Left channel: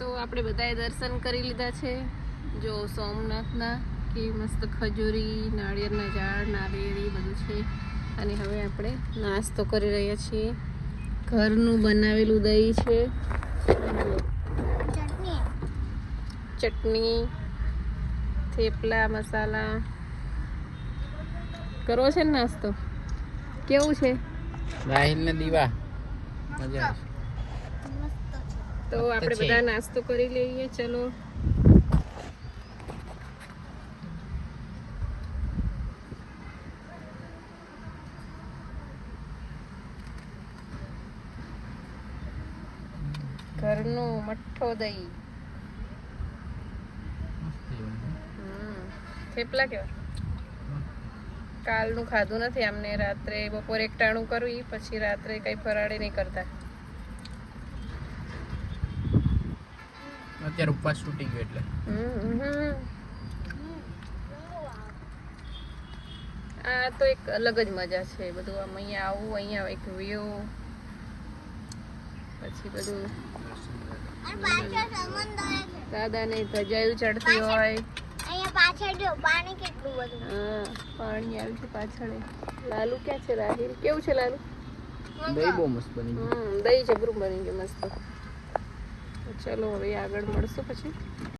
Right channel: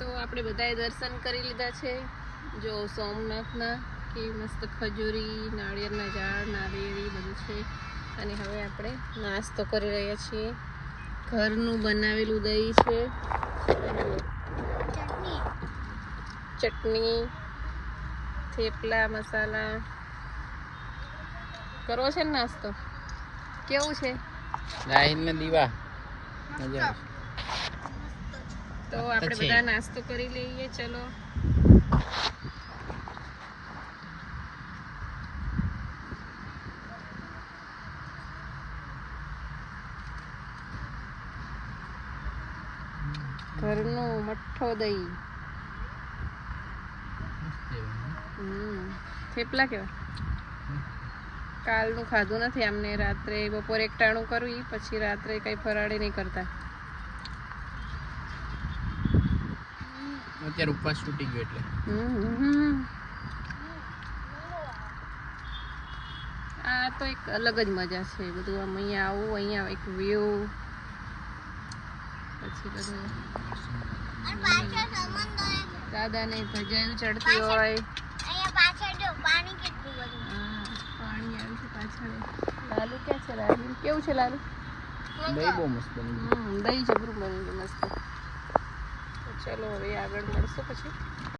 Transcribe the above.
તો આપણે બધાએ દર્શન કરી લીધા છે. જો સોમનાથના કે મસ્ત ખજૂરી નાળિયેરના ઝાડ નાળિયેરી બધું છે. અને હવે આપણે નાસ્તો કરી રહ્યા છીએ. ઘરનું બનાવેલું દહીં છે. ચટણી થેપલા મસાલા. કરવો છે ને નાસ્તો? કેવું છે? રાહિલના દીવા. તો આપણે બધા નાસ્તો કરી લઈએ ચલો. ઘરનું મઠ્ઠો દહીં. હમ. થેપલા કેવો? કાલનું ખાધું નથી અમને રાત્રે બપોરે એકટાણું કર્યું પછી રાત્રે કઈ ફરાળી નહીં કરતા. અત્યારે ઉપવાસ તૂટી ગયો એટલે. આ તો એક અલગ જ મજા છે. બધું આમ અહીંયા આવું અહીંયા એક વ્યૂ પછી બધું દાદાને ભજાયું ચડતી હોય. પાણી આવ્યું છે પાછળ. લાલુ ક્યાં છે? રાહિલ? કેવું છે લાલુ? દહીં જબરું બની ગયું મસ્ત. ચલો હવે આગળ મળશું પછી.